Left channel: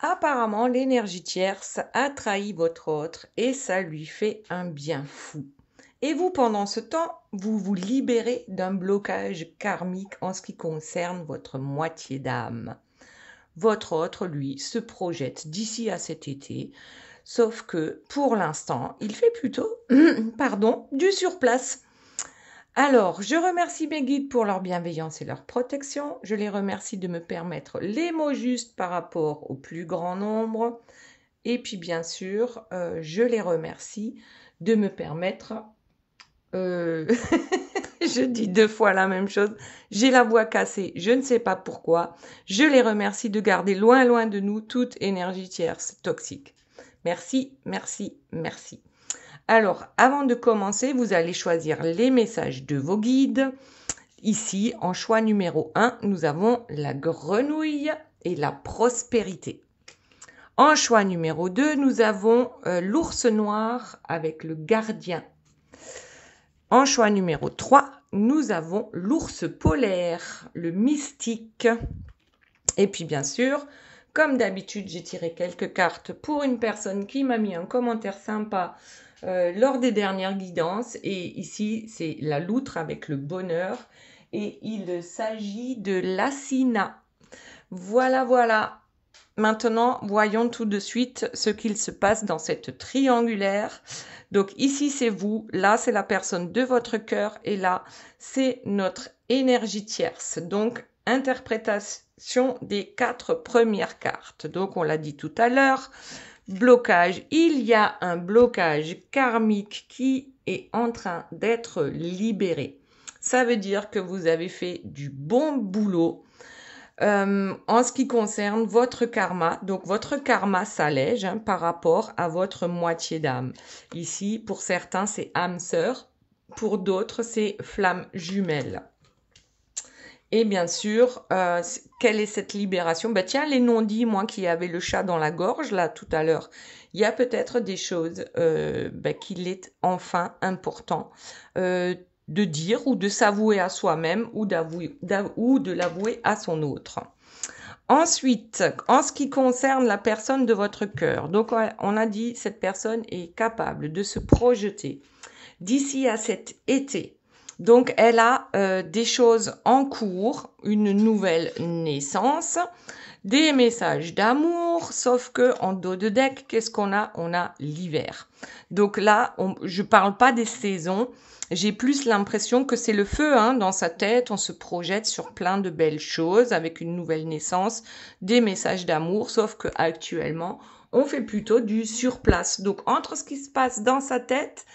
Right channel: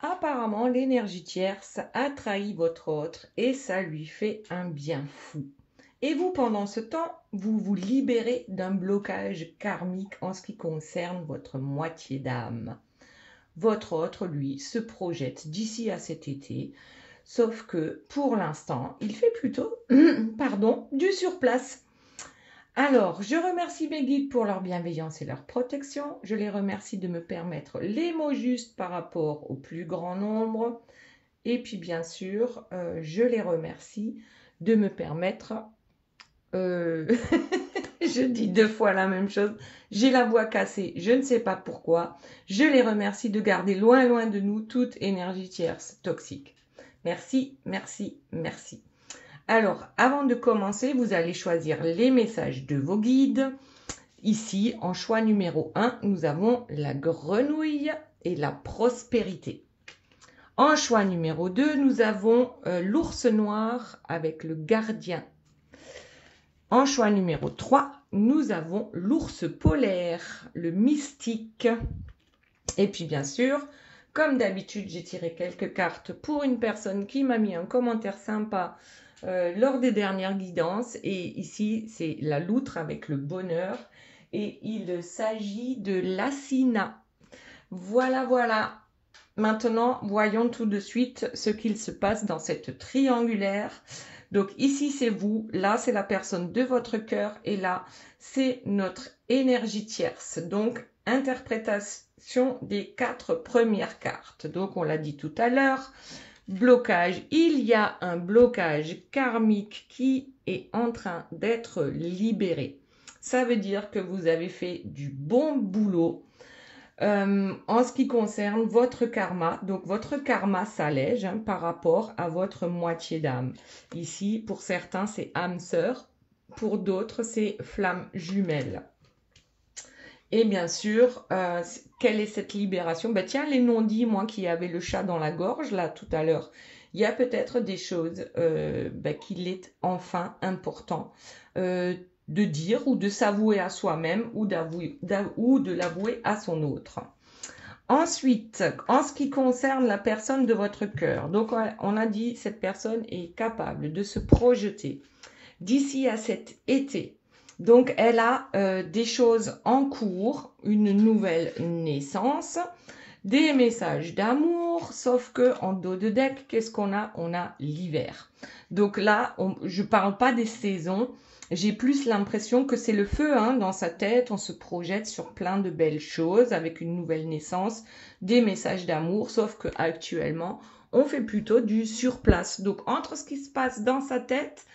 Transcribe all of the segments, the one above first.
Apparemment, l'énergie tierce a trahi votre autre et ça lui fait un bien fou. Et vous, pendant ce temps, vous vous libérez d'un blocage karmique en ce qui concerne votre moitié d'âme. Votre autre, lui, se projette d'ici à cet été, sauf que pour l'instant, il fait plutôt pardon, du surplace. Alors, je remercie mes guides pour leur bienveillance et leur protection. Je les remercie de me permettre les mots justes par rapport au plus grand nombre. Et puis, bien sûr, je les remercie de me permettre... je dis 2 fois la même chose. J'ai la voix cassée, je ne sais pas pourquoi. Je les remercie de garder loin, loin de nous toute énergie tierce toxique. Merci, merci, merci. Alors, avant de commencer, vous allez choisir les messages de vos guides. Ici, en choix numéro 1, nous avons la grenouille et la prospérité. En choix numéro 2, nous avons l'ours noir avec le gardien. En choix numéro 3, nous avons l'ours polaire, le mystique. Et puis bien sûr, comme d'habitude, j'ai tiré quelques cartes pour une personne qui m'a mis un commentaire sympa lors des dernières guidances. Et ici, c'est la loutre avec le bonheur. Et il s'agit de l'Assina. Voilà, voilà. Maintenant, voyons tout de suite ce qu'il se passe dans cette triangulaire. Donc ici, c'est vous. Là, c'est la personne de votre cœur. Et là, c'est notre énergie tierce. Donc, interprétation des 4 premières cartes. Donc, on l'a dit tout à l'heure. Blocage. Il y a un blocage karmique qui est en train d'être libéré. Ça veut dire que vous avez fait du bon boulot en ce qui concerne votre karma. Donc, votre karma s'allège par rapport à votre moitié d'âme. Ici, pour certains, c'est âme sœur. Pour d'autres, c'est flamme jumelle. Et bien sûr, quelle est cette libération? Tiens, les non-dits, moi qui avais le chat dans la gorge, là, tout à l'heure, il y a peut-être des choses qu'il est enfin important de dire ou de s'avouer à soi-même ou de l'avouer à son autre. Ensuite, en ce qui concerne la personne de votre cœur, donc on a dit cette personne est capable de se projeter d'ici à cet été. Donc, elle a des choses en cours, une nouvelle naissance, des messages d'amour, sauf que en dos de deck, qu'est-ce qu'on a? On a l'hiver. Donc là, je ne parle pas des saisons, j'ai plus l'impression que c'est le feu dans sa tête, on se projette sur plein de belles choses avec une nouvelle naissance, des messages d'amour, sauf que actuellement, on fait plutôt du surplace. Donc, entre ce qui se passe dans sa tête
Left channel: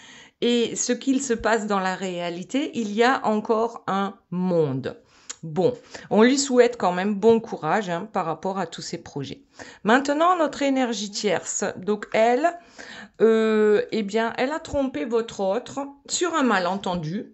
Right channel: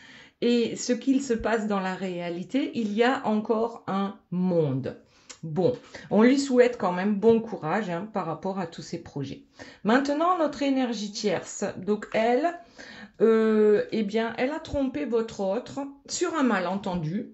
et ce qu'il se passe dans la réalité, il y a encore un monde. Bon, on lui souhaite quand même bon courage par rapport à tous ses projets. Maintenant, notre énergie tierce. Donc, elle, elle a trompé votre autre sur un malentendu.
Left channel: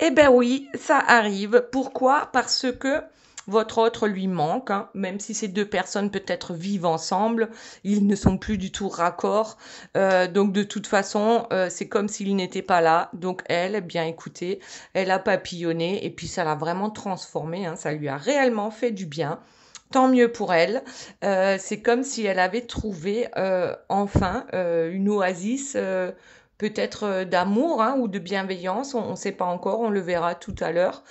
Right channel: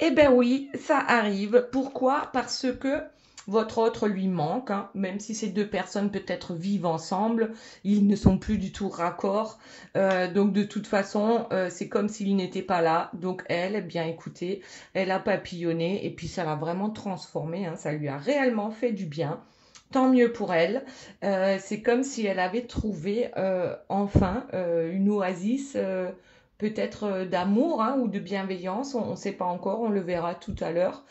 Eh bien oui, ça arrive. Pourquoi? Parce que votre autre lui manque, même si ces 2 personnes peut-être vivent ensemble, ils ne sont plus du tout raccord. Donc de toute façon, c'est comme s'il n'était pas là. Donc elle, eh bien écoutez, elle a papillonné et puis ça l'a vraiment transformée. Ça lui a réellement fait du bien. Tant mieux pour elle. C'est comme si elle avait trouvé enfin une oasis peut-être d'amour ou de bienveillance. On ne sait pas encore, on le verra tout à l'heure.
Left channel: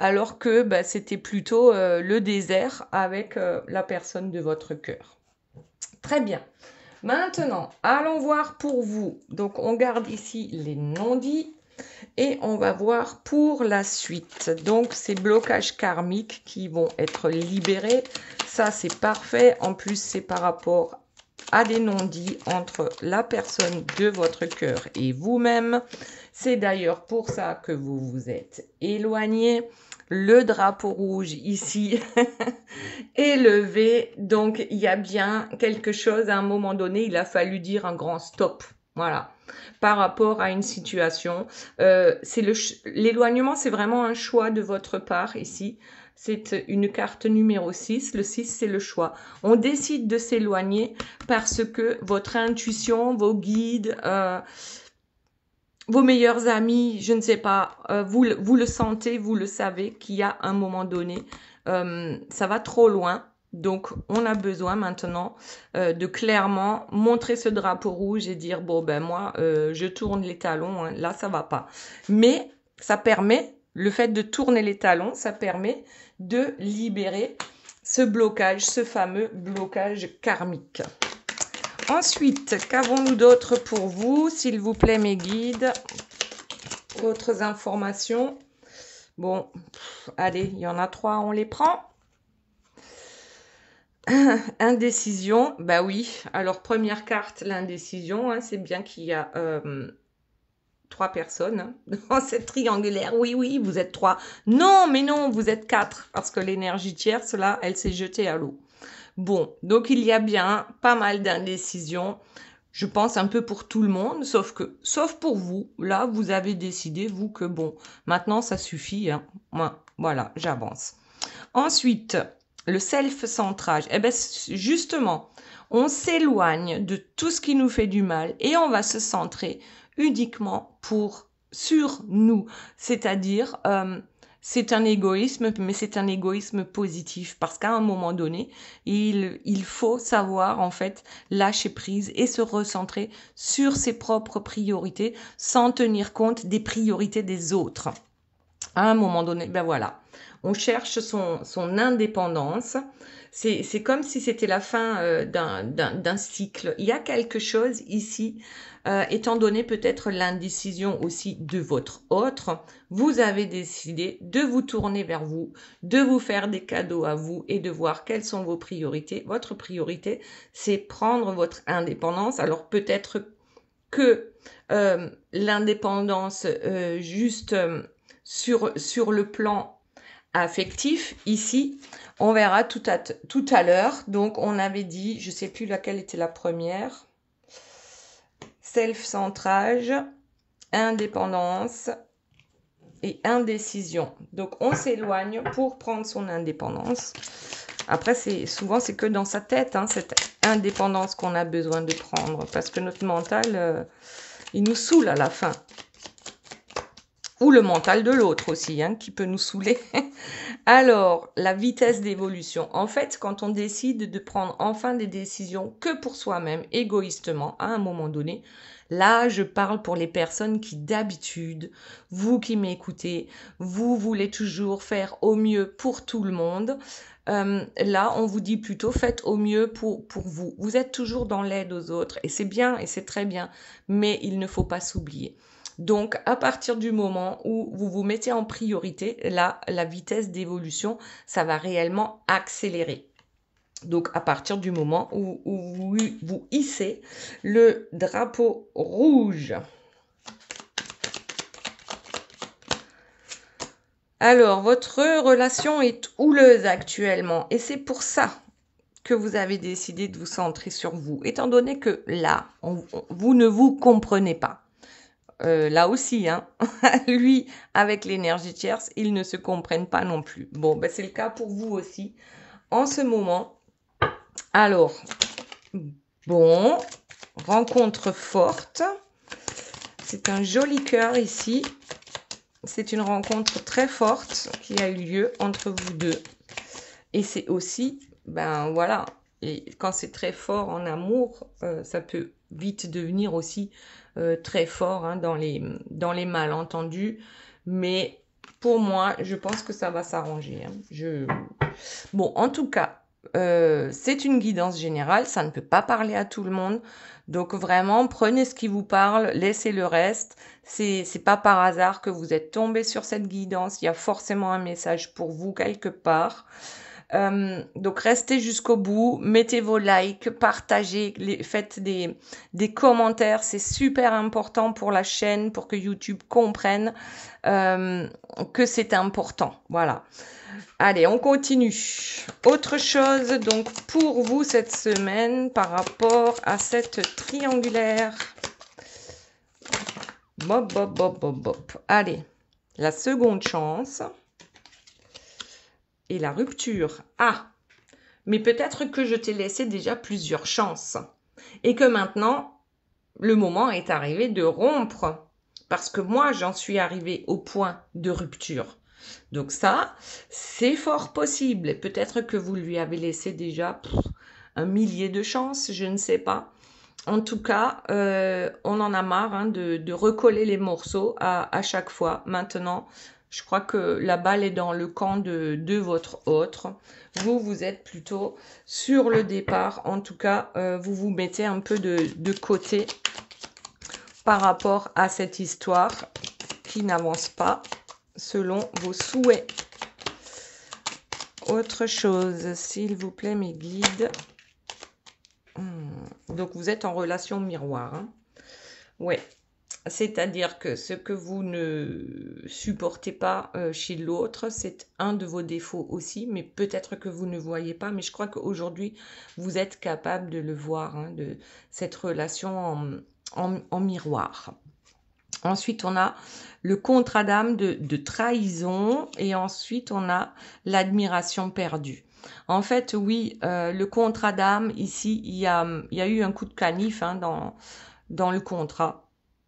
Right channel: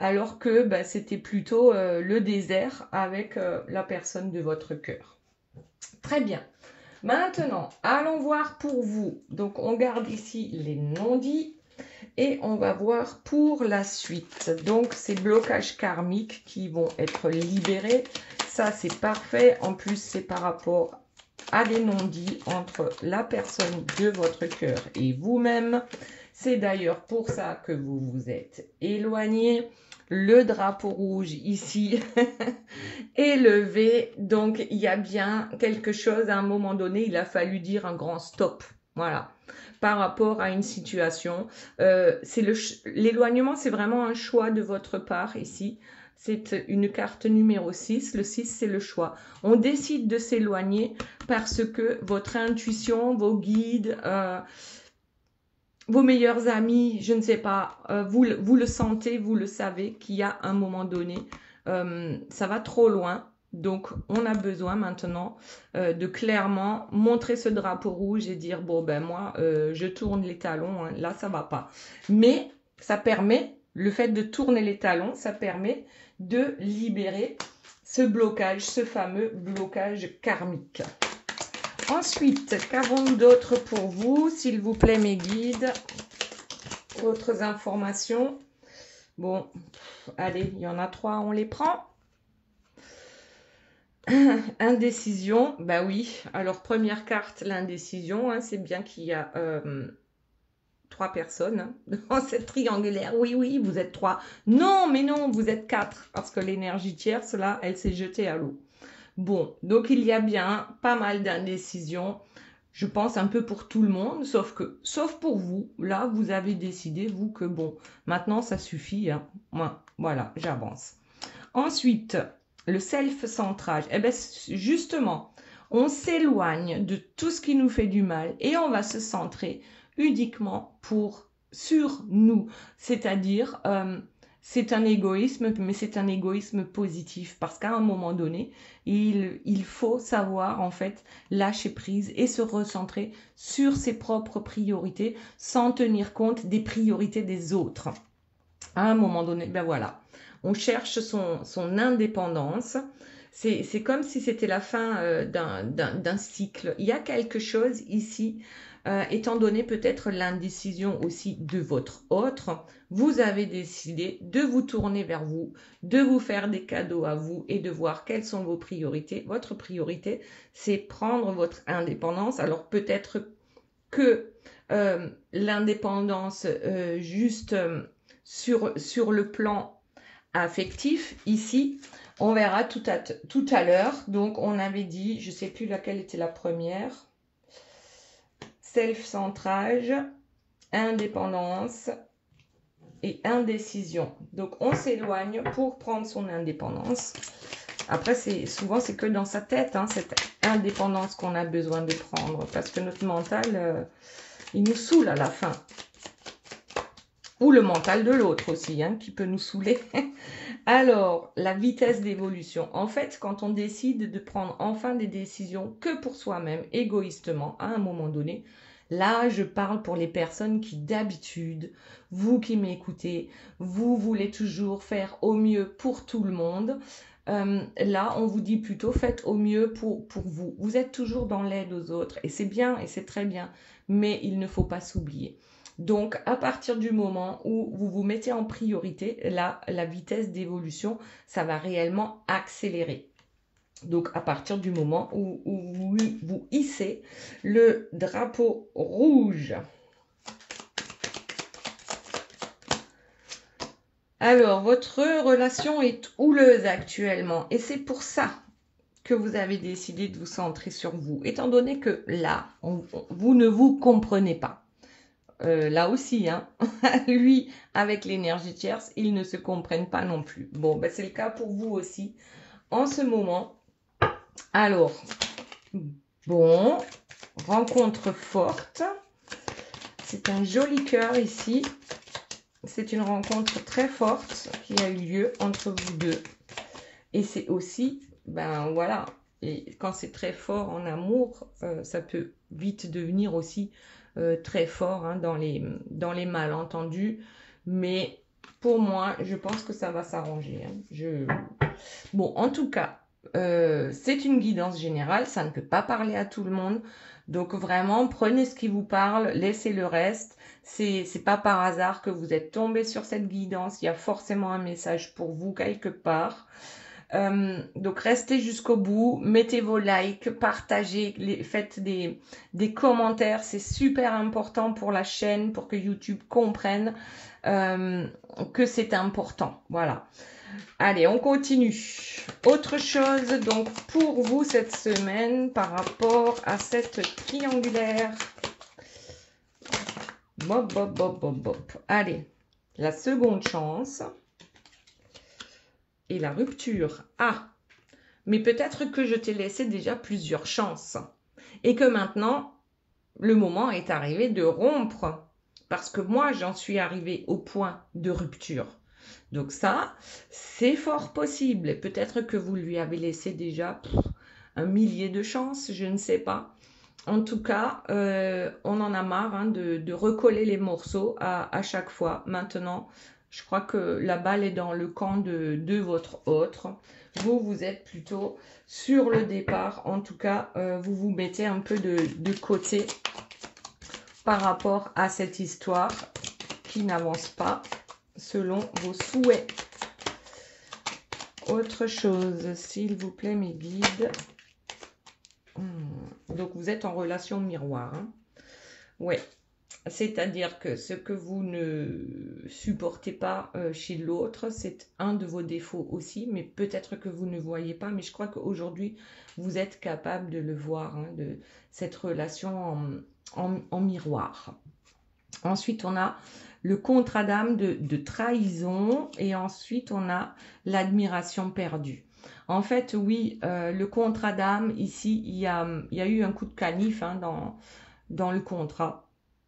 Alors que c'était plutôt le désert avec la personne de votre cœur. Très bien. Maintenant, allons voir pour vous. Donc, on garde ici les non-dits et on va voir pour la suite. Donc, ces blocages karmiques qui vont être libérés. Ça, c'est parfait. En plus, c'est par rapport à des non-dits entre la personne de votre cœur et vous-même. C'est d'ailleurs pour ça que vous vous êtes éloigné. Le drapeau rouge ici est levé. Donc, il y a bien quelque chose. À un moment donné, il a fallu dire un grand stop. Voilà. Par rapport à une situation. L'éloignement, c'est vraiment un choix de votre part ici. C'est une carte numéro 6. Le 6, c'est le choix. On décide de s'éloigner parce que votre intuition, vos guides, vos meilleurs amis, je ne sais pas, vous le sentez, vous le savez qu'il y a un moment donné, ça va trop loin. Donc, on a besoin maintenant de clairement montrer ce drapeau rouge et dire, bon, ben moi, je tourne les talons, hein, là, ça va pas. Mais ça permet, le fait de tourner les talons, ça permet de libérer ce blocage, ce fameux blocage karmique. Ensuite, qu'avons-nous d'autre pour vous, s'il vous plaît, mes guides? D'autres informations? Bon, allez, il y en a 3, on les prend. Indécision, bah oui. Alors, première carte, l'indécision, hein, c'est bien qu'il y a 3 personnes hein, dans cette triangulaire. Oui, oui, vous êtes 3. Non, mais non, vous êtes 4, parce que l'énergie tierce, là, elle s'est jetée à l'eau. Bon, donc il y a bien pas mal d'indécision. Je pense un peu pour tout le monde, sauf pour vous. Là, vous avez décidé, vous, que bon, maintenant, ça suffit. Hein. Moi, voilà, j'avance. Ensuite, le self-centrage. Eh bien, justement, on s'éloigne de tout ce qui nous fait du mal et on va se centrer uniquement sur nous. C'est-à-dire, c'est un égoïsme, mais c'est un égoïsme positif parce qu'à un moment donné, il faut savoir en fait lâcher prise et se recentrer sur ses propres priorités sans tenir compte des priorités des autres. À un moment donné, ben voilà, on cherche son indépendance. C'est comme si c'était la fin d'un cycle. Il y a quelque chose ici, étant donné peut-être l'indécision aussi de votre autre, vous avez décidé de vous tourner vers vous, de vous faire des cadeaux à vous et de voir quelles sont vos priorités. Votre priorité, c'est prendre votre indépendance. Alors peut-être que l'indépendance juste sur le plan affectif, ici, on verra tout à l'heure. Donc, on avait dit, je ne sais plus laquelle était la première, self-centrage, indépendance et indécision. Donc, on s'éloigne pour prendre son indépendance. Après, souvent, c'est que dans sa tête, hein, cette indépendance qu'on a besoin de prendre. Parce que notre mental, il nous saoule à la fin. Ou le mental de l'autre aussi, hein, qui peut nous saouler. Alors, la vitesse d'évolution. En fait, quand on décide de prendre enfin des décisions que pour soi-même, égoïstement, à un moment donné, là, je parle pour les personnes qui, d'habitude, vous qui m'écoutez, vous voulez toujours faire au mieux pour tout le monde. Là, on vous dit plutôt faites au mieux pour vous. Vous êtes toujours dans l'aide aux autres et c'est bien et c'est très bien, mais il ne faut pas s'oublier. Donc, à partir du moment où vous vous mettez en priorité, là, la vitesse d'évolution, ça va réellement accélérer. Donc, à partir du moment où vous hissez le drapeau rouge. Alors, votre relation est houleuse actuellement et c'est pour ça que vous avez décidé de vous centrer sur vous, étant donné que là, vous ne vous comprenez pas. Là aussi, hein, lui, avec l'énergie tierce, ils ne se comprennent pas non plus. Bon, ben c'est le cas pour vous aussi, en ce moment. Alors, bon, rencontre forte. C'est un joli cœur ici. C'est une rencontre très forte qui a eu lieu entre vous deux. Et c'est aussi, ben voilà, et quand c'est très fort en amour, ça peut vite devenir aussi très fort hein, dans les malentendus. Mais pour moi, je pense que ça va s'arranger. Hein. Bon, en tout cas, c'est une guidance générale. Ça ne peut pas parler à tout le monde. Donc vraiment, prenez ce qui vous parle, laissez le reste. C'est pas par hasard que vous êtes tombé sur cette guidance. Il y a forcément un message pour vous quelque part. Donc restez jusqu'au bout, mettez vos likes, partagez, faites des commentaires, c'est super important pour la chaîne, pour que YouTube comprenne que c'est important. Voilà. Allez, on continue. Autre chose donc pour vous cette semaine par rapport à cette triangulaire. Bop, bop, bop, bop, bop. Allez, la seconde chance. Et la rupture. Ah, mais peut-être que je t'ai laissé déjà plusieurs chances. Et que maintenant, le moment est arrivé de rompre. Parce que moi, j'en suis arrivée au point de rupture. Donc ça, c'est fort possible. Et peut-être que vous lui avez laissé déjà un millier de chances, je ne sais pas. En tout cas, on en a marre hein, de recoller les morceaux à chaque fois. Maintenant, je crois que la balle est dans le camp de votre autre. Vous, vous êtes plutôt sur le départ. En tout cas, vous vous mettez un peu de côté par rapport à cette histoire qui n'avance pas selon vos souhaits. Autre chose, s'il vous plaît, mes guides. Donc, vous êtes en relation miroir. Hein. Ouais. C'est-à-dire que ce que vous ne supportez pas chez l'autre, c'est un de vos défauts aussi, mais peut-être que vous ne voyez pas. Mais je crois qu'aujourd'hui, vous êtes capable de le voir, hein, de cette relation en miroir. Ensuite, on a le contrat d'âme de trahison et ensuite, on a l'admiration perdue. En fait, oui, le contrat d'âme, ici, il y a eu un coup de canif hein, dans le contrat.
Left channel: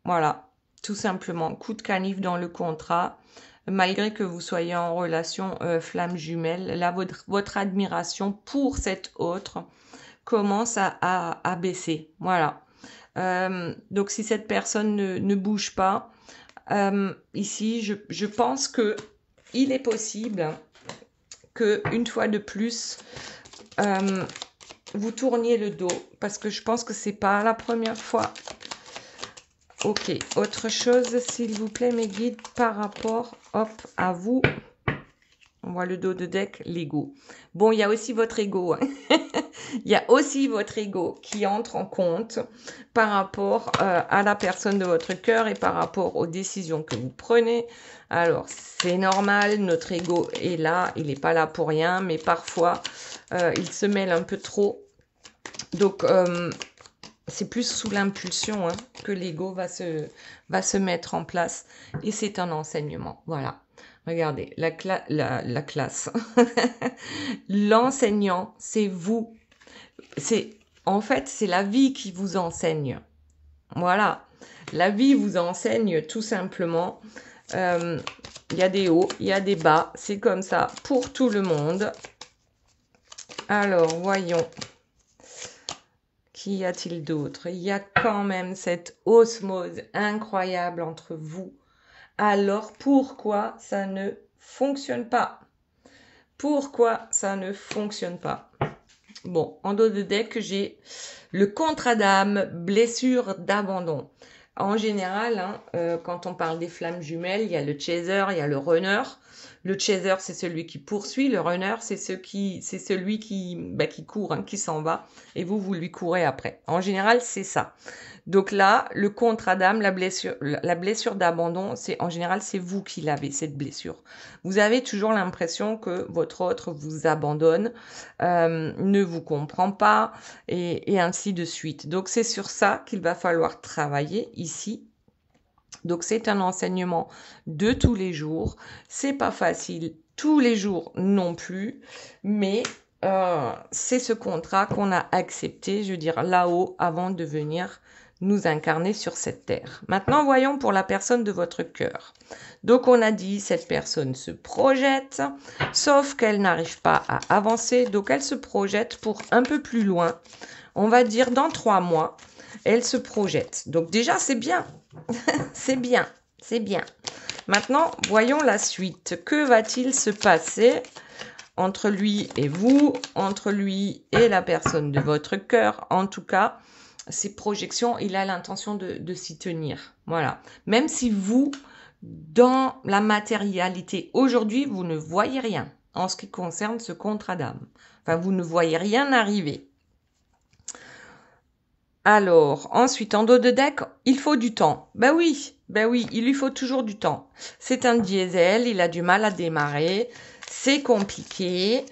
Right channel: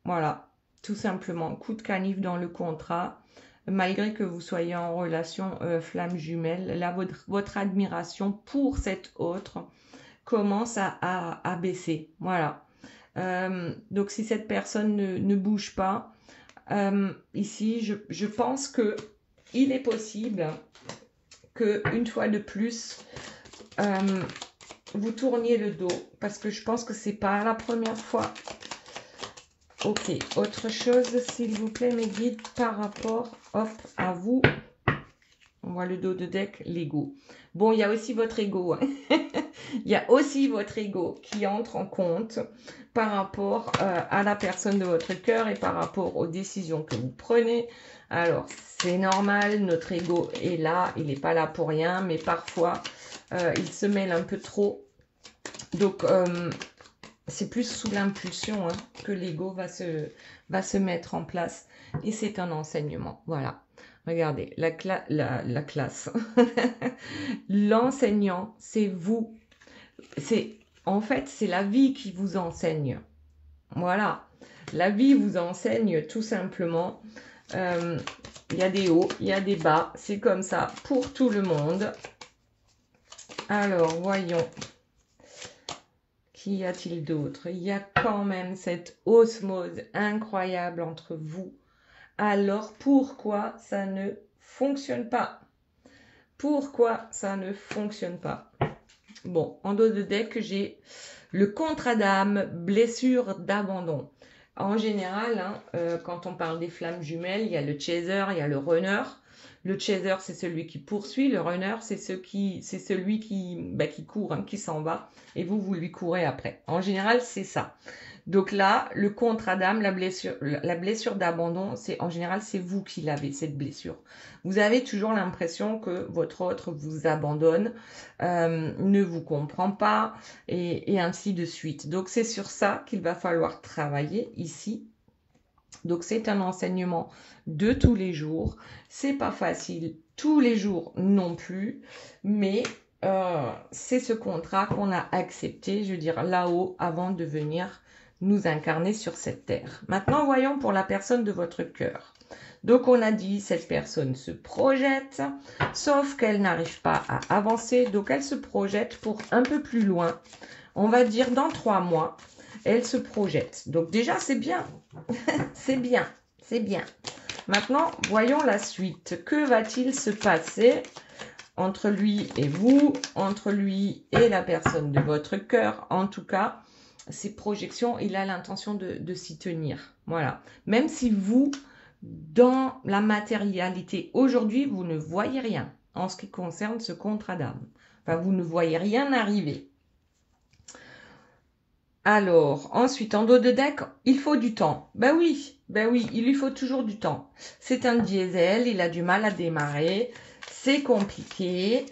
Voilà, tout simplement, coup de canif dans le contrat. Malgré que vous soyez en relation flamme jumelle, là, votre admiration pour cette autre commence à baisser. Voilà. Donc, si cette personne ne bouge pas, ici, je pense que il est possible que une fois de plus, vous tourniez le dos parce que je pense que c'est pas la première fois. Ok, autre chose, s'il vous plaît, mes guides, par rapport, hop, à vous. On voit le dos de deck, l'ego. Bon, il y a aussi votre ego. Hein. Il y a aussi votre ego qui entre en compte par rapport à la personne de votre cœur et par rapport aux décisions que vous prenez. Alors, c'est normal, notre ego est là, il n'est pas là pour rien, mais parfois, il se mêle un peu trop. Donc, c'est plus sous l'impulsion hein, que l'ego va se mettre en place. Et c'est un enseignement. Voilà. Regardez, la classe. L'enseignant, c'est vous. En fait, c'est la vie qui vous enseigne. Voilà. La vie vous enseigne tout simplement. Il y a des hauts, il y a des bas. C'est comme ça pour tout le monde. Alors, voyons. Qu'y a-t-il d'autre? Il y a quand même cette osmose incroyable entre vous. Alors, pourquoi ça ne fonctionne pas? Pourquoi ça ne fonctionne pas? Bon, en dos de deck, j'ai le contrat d'âme, blessure d'abandon. En général, hein, quand on parle des flammes jumelles, il y a le chaser, il y a le runner. Le chaser, c'est celui qui poursuit. Le runner, c'est celui qui court, hein, qui s'en va. Et vous lui courez après. En général, c'est ça. Donc là, le contrat d'âme, la blessure d'abandon, en général, c'est vous qui l'avez, cette blessure. Vous avez toujours l'impression que votre autre vous abandonne, ne vous comprend pas, et ainsi de suite. Donc, c'est sur ça qu'il va falloir travailler ici. Donc, c'est un enseignement de tous les jours. C'est pas facile tous les jours non plus, mais c'est ce contrat qu'on a accepté, je veux dire, là-haut, avant de venir nous incarner sur cette terre. Maintenant, voyons pour la personne de votre cœur. Donc, on a dit, cette personne se projette, sauf qu'elle n'arrive pas à avancer. Donc, elle se projette pour un peu plus loin. On va dire dans 3 mois, elle se projette. Donc, déjà, c'est bien. C'est bien. C'est bien. Maintenant, voyons la suite. Que va-t-il se passer entre lui et vous, entre lui et la personne de votre cœur? En tout cas, ces projections, il a l'intention de s'y tenir. Voilà. Même si vous, dans la matérialité, aujourd'hui, vous ne voyez rien en ce qui concerne ce contrat d'âme. Enfin, vous ne voyez rien arriver. Alors, ensuite, en dos de deck, il faut du temps. Ben oui, il lui faut toujours du temps. C'est un diesel, il a du mal à démarrer. C'est compliqué,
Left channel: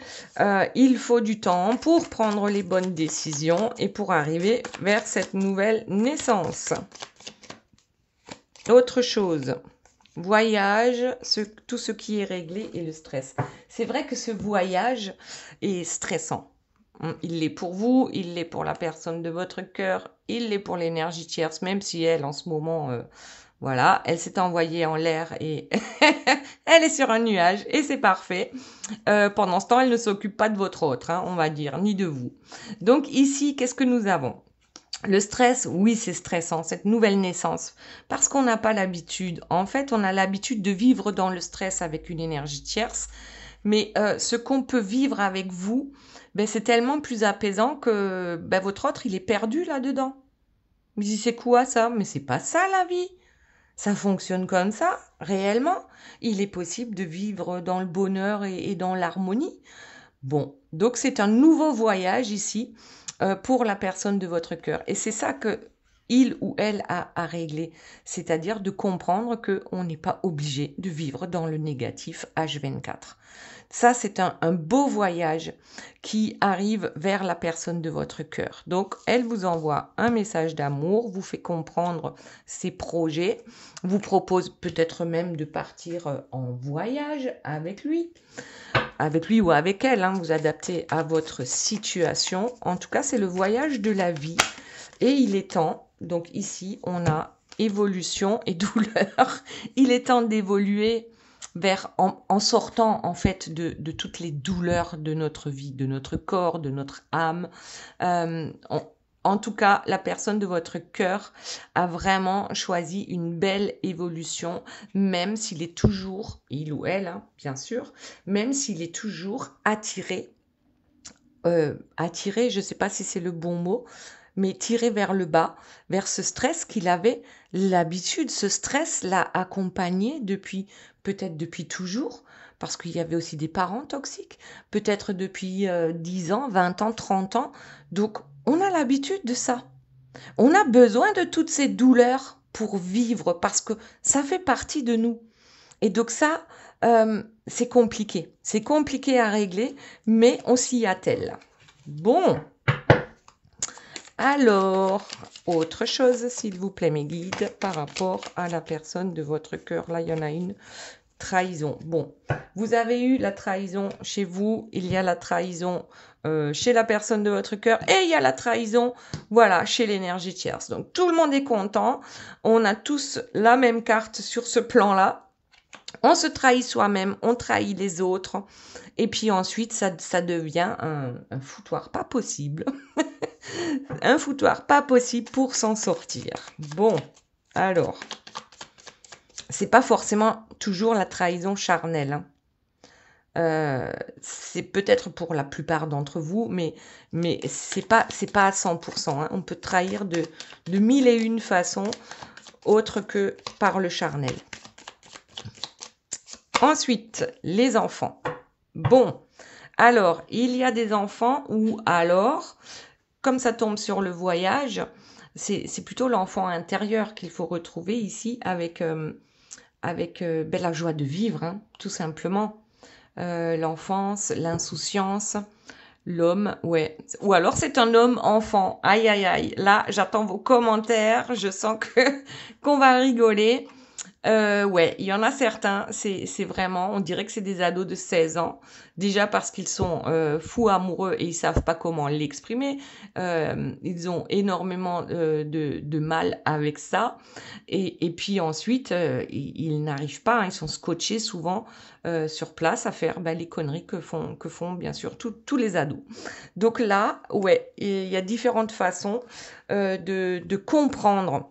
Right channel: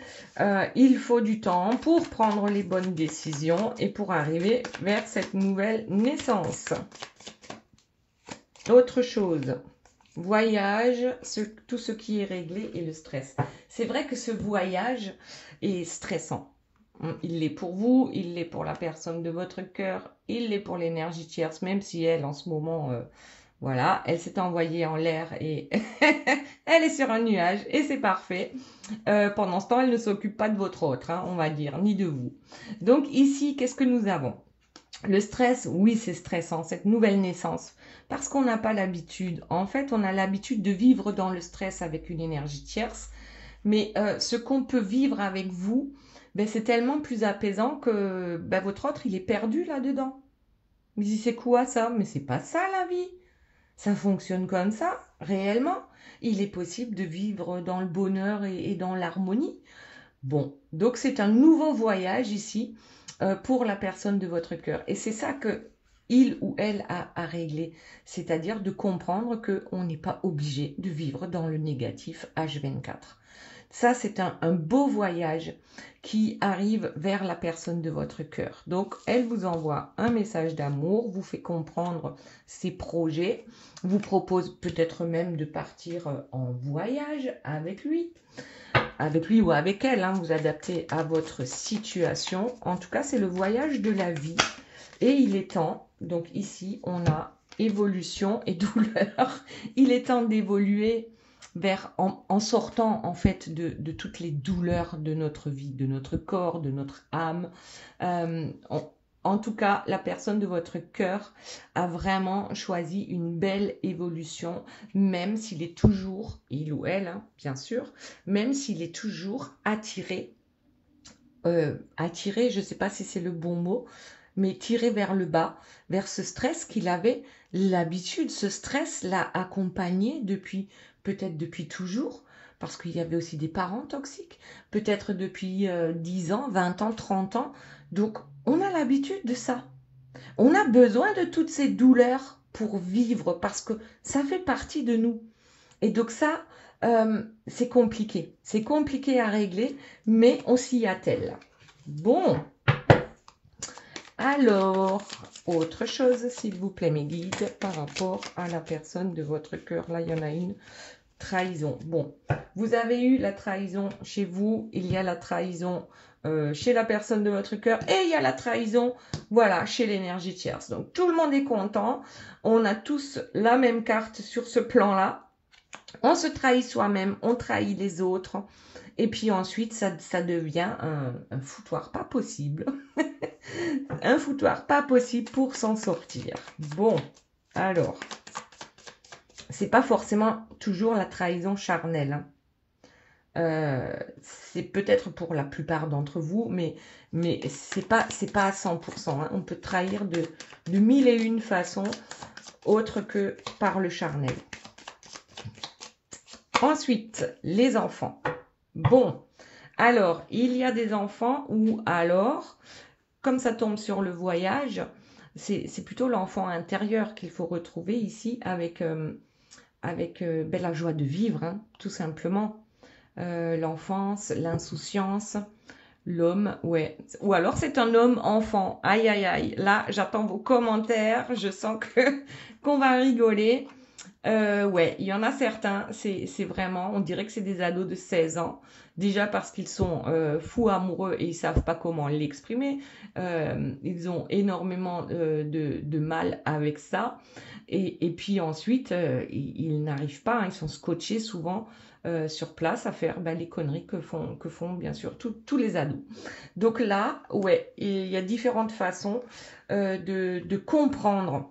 il faut du temps pour prendre les bonnes décisions et pour arriver vers cette nouvelle naissance. Autre chose, voyage, tout ce qui est réglé et le stress. C'est vrai que ce voyage est stressant. Il l'est pour vous, il l'est pour la personne de votre cœur, il l'est pour l'énergie tierce, même si elle, en ce moment, Voilà, elle s'est envoyée en l'air et elle est sur un nuage et c'est parfait. Pendant ce temps, elle ne s'occupe pas de votre autre, hein, on va dire, ni de vous. Donc ici, qu'est-ce que nous avons? Le stress, oui, c'est stressant, cette nouvelle naissance, parce qu'on n'a pas l'habitude. En fait, on a l'habitude de vivre dans le stress avec une énergie tierce, mais ce qu'on peut vivre avec vous, ben, c'est tellement plus apaisant que ben, votre autre, il est perdu là-dedans. Mais c'est quoi ça? Mais c'est pas ça la vie. Ça fonctionne comme ça, réellement. Il est possible de vivre dans le bonheur et dans l'harmonie. Bon, donc c'est un nouveau voyage ici pour la personne de votre cœur. Et c'est ça que il ou elle a à régler, c'est-à-dire de comprendre qu'on n'est pas obligé de vivre dans le négatif H24. Ça, c'est un beau voyage qui arrive vers la personne de votre cœur. Donc, elle vous envoie un message d'amour, vous fait comprendre ses projets, vous propose peut-être même de partir en voyage avec lui ou avec elle, hein, vous adaptez à votre situation. En tout cas, c'est le voyage de la vie et il est temps, donc ici, on a évolution et douleur. Il est temps d'évoluer en sortant en fait de toutes les douleurs de notre vie, de notre corps, de notre âme. En tout cas, la personne de votre cœur a vraiment choisi une belle évolution, même s'il est toujours, il ou elle, hein, bien sûr, même s'il est toujours attiré, je ne sais pas si c'est le bon mot, mais tiré vers le bas, vers ce stress qu'il avait l'habitude, ce stress l'a accompagné peut-être depuis toujours, parce qu'il y avait aussi des parents toxiques, peut-être depuis 10 ans, 20 ans, 30 ans. Donc, on a l'habitude de ça. On a besoin de toutes ces douleurs pour vivre, parce que ça fait partie de nous. Et donc ça, c'est compliqué. C'est compliqué à régler, mais on s'y attelle. Bon. Alors, autre chose, s'il vous plaît, mes guides, par rapport à la personne de votre cœur. Là, il y en a une. Trahison. Bon, vous avez eu la trahison chez vous, il y a la trahison chez la personne de votre cœur et il y a la trahison, voilà, chez l'énergie tierce. Donc, tout le monde est content. On a tous la même carte sur ce plan-là. On se trahit soi-même, on trahit les autres. Et puis ensuite, ça devient un foutoir pas possible. Un foutoir pas possible pour s'en sortir. Bon, alors, c'est pas forcément toujours la trahison charnelle. Hein. C'est peut-être pour la plupart d'entre vous, mais c'est pas à 100%. Hein. On peut trahir de 1001 façons autres que par le charnel. Ensuite, les enfants. Bon, alors, il y a des enfants où alors, comme ça tombe sur le voyage, c'est plutôt l'enfant intérieur qu'il faut retrouver ici avec la joie de vivre, hein, tout simplement. L'enfance, l'insouciance, l'homme, ouais. Ou alors c'est un homme enfant. Aïe, aïe, aïe. Là, j'attends vos commentaires. Je sens qu'on va rigoler. Ouais, il y en a certains, c'est vraiment, on dirait que c'est des ados de 16 ans. Déjà parce qu'ils sont fous amoureux et ils savent pas comment l'exprimer. Ils ont énormément de mal avec ça. Et puis ensuite, ils n'arrivent pas, hein, ils sont scotchés souvent sur place à faire les conneries que font bien sûr tous les ados. Donc là, ouais, il y a différentes façons de comprendre.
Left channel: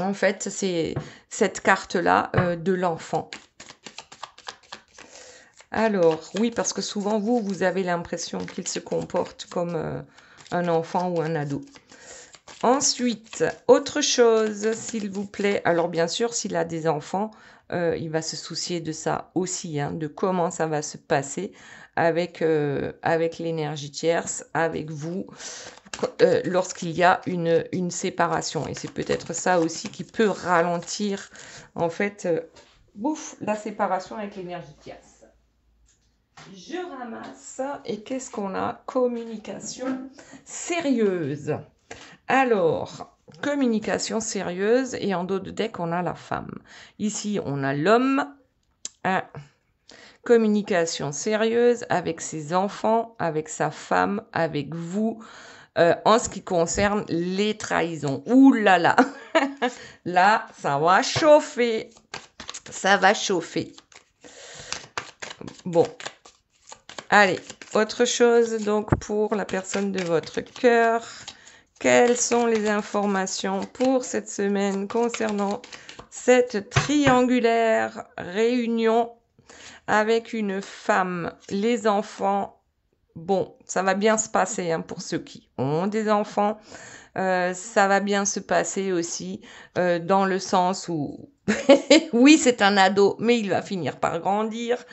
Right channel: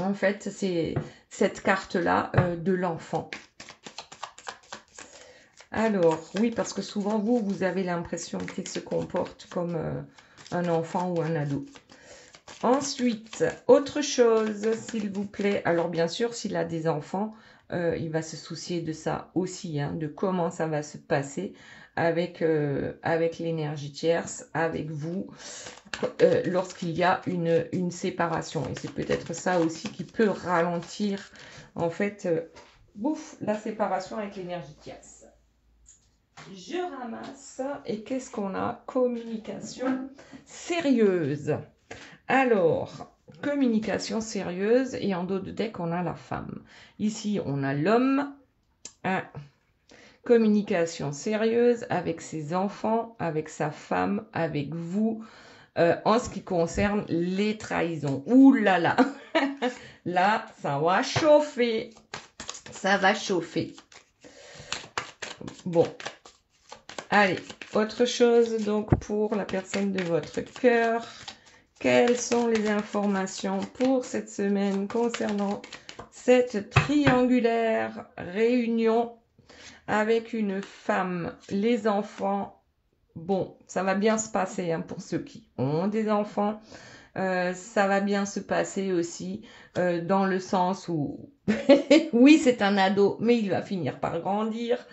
En fait, c'est cette carte-là de l'enfant. Alors, oui, parce que souvent, vous avez l'impression qu'il se comporte comme un enfant ou un ado. Ensuite, autre chose, s'il vous plaît. Alors, bien sûr, s'il a des enfants, il va se soucier de ça aussi, hein, de comment ça va se passer avec l'énergie tierce, avec vous, lorsqu'il y a une séparation. Et c'est peut-être ça aussi qui peut ralentir, en fait, la séparation avec l'énergie tierce. Je ramasse. Et qu'est-ce qu'on a? Communication sérieuse. Alors, communication sérieuse. Et en dos de deck, on a la femme. Ici, on a l'homme. Communication sérieuse avec ses enfants, avec sa femme, avec vous. en ce qui concerne les trahisons. Ouh là là, là, ça va chauffer. Ça va chauffer. Bon, allez, autre chose donc pour la personne de votre cœur. Quelles sont les informations pour cette semaine concernant cette triangulaire réunion avec une femme, les enfants? Bon, ça va bien se passer hein, pour ceux qui ont des enfants. Ça va bien se passer aussi dans le sens où, oui, c'est un ado, mais il va finir par grandir.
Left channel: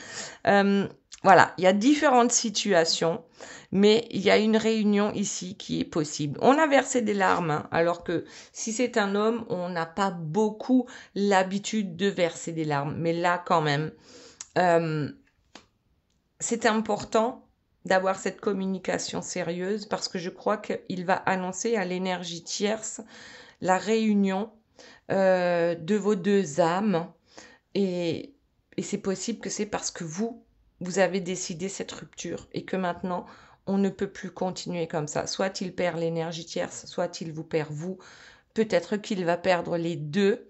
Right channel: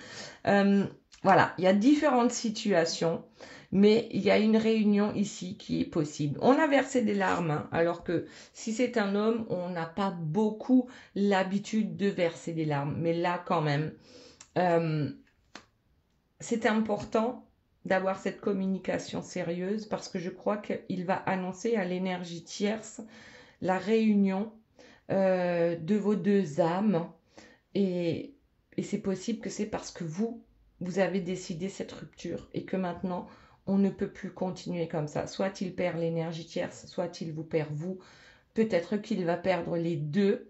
Voilà, il y a différentes situations, mais il y a une réunion ici qui est possible. On a versé des larmes, hein, alors que si c'est un homme, on n'a pas beaucoup l'habitude de verser des larmes. Mais là, quand même, c'est important d'avoir cette communication sérieuse parce que je crois qu'il va annoncer à l'énergie tierce la réunion de vos deux âmes et c'est possible que c'est parce que vous avez décidé cette rupture et que maintenant on ne peut plus continuer comme ça. Soit il perd l'énergie tierce, soit il vous perd vous. Peut-être qu'il va perdre les deux.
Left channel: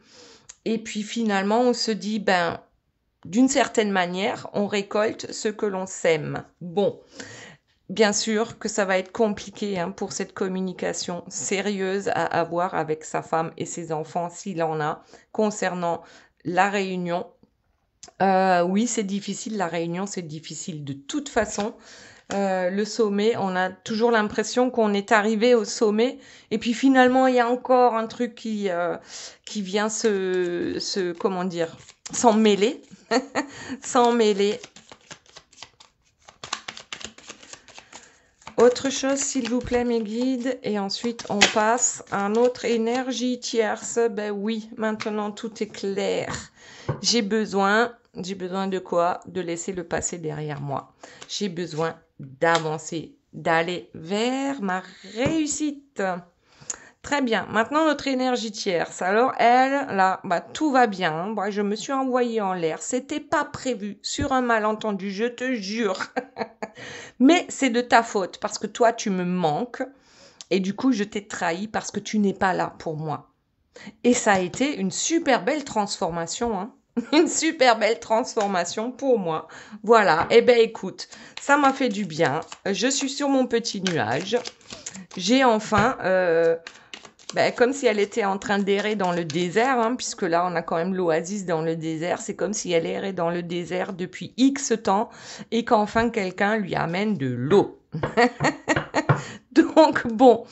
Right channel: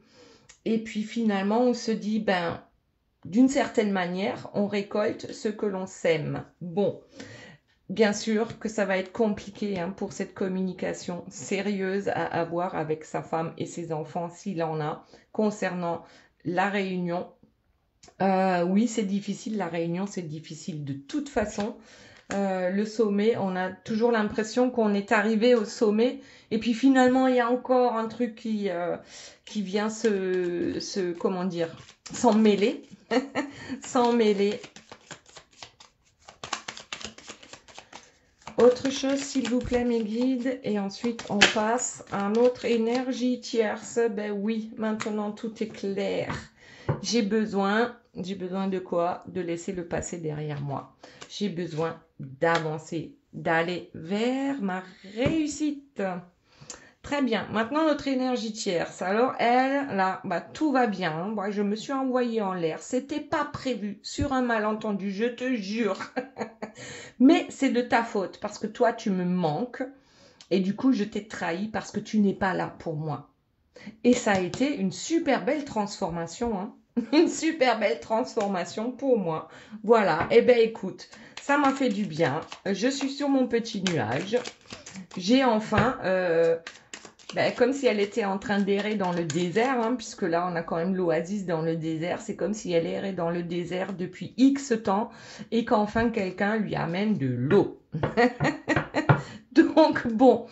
Et puis finalement on se dit, ben d'une certaine manière, on récolte ce que l'on sème. Bon, bien sûr que ça va être compliqué hein, pour cette communication sérieuse à avoir avec sa femme et ses enfants, s'il en a, concernant la réunion. Oui, c'est difficile, la réunion, c'est difficile de toute façon. Le sommet, on a toujours l'impression qu'on est arrivé au sommet et puis finalement il y a encore un truc qui vient comment dire, s'en mêler, s'en mêler. Autre chose s'il vous plaît mes guides et ensuite on passe à notre énergie tierce. Ben oui, maintenant tout est clair. J'ai besoin de quoi? De laisser le passé derrière moi. J'ai besoin d'avancer, d'aller vers ma réussite. Très bien. Maintenant, notre énergie tierce. Alors, elle, là, bah, tout va bien. Moi, je me suis envoyée en l'air. C'était pas prévu. Sur un malentendu, je te jure. Mais c'est de ta faute parce que toi, tu me manques. Et du coup, je t'ai trahi parce que tu n'es pas là pour moi. Et ça a été une super belle transformation, hein. Une super belle transformation pour moi. Voilà. Eh ben, écoute, ça m'a fait du bien. Je suis sur mon petit nuage. J'ai enfin, comme si elle était en train d'errer dans le désert, hein, puisque là, on a quand même l'oasis dans le désert. C'est comme si elle errait dans le désert depuis X temps et qu'enfin quelqu'un lui amène de l'eau. Donc, bon.